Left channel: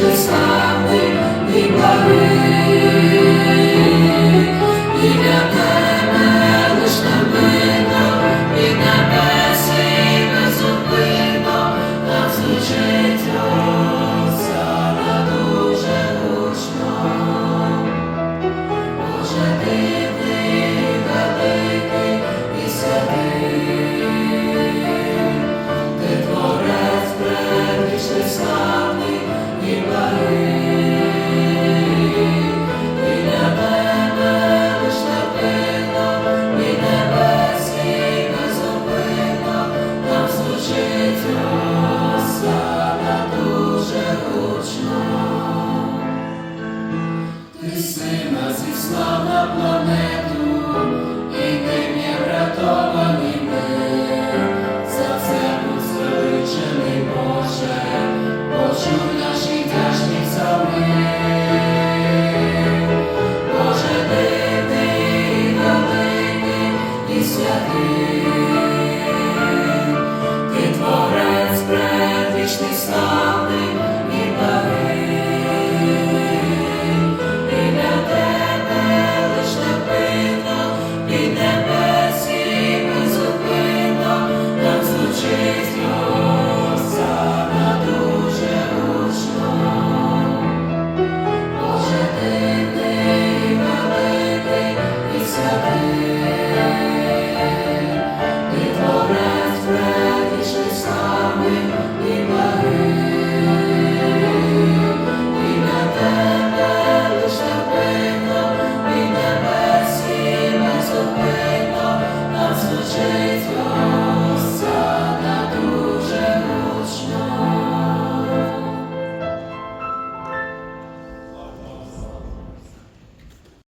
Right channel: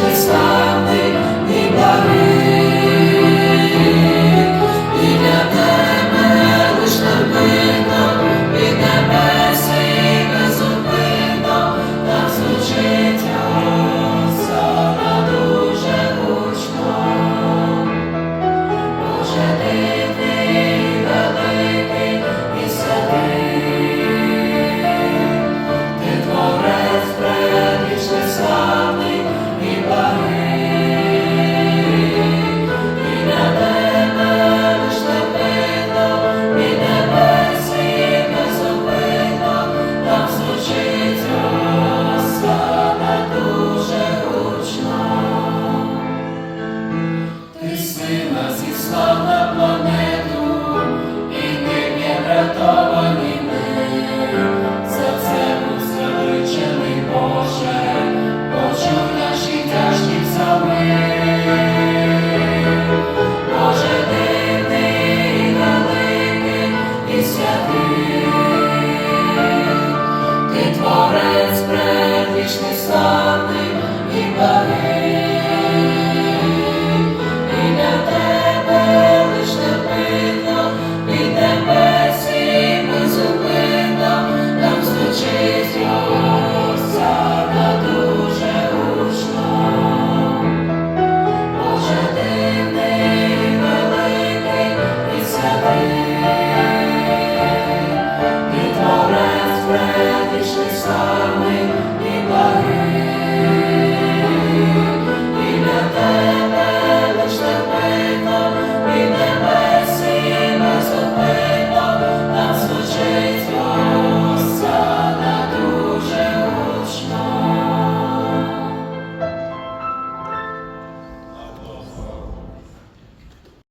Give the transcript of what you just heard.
вічне слави і бари. you.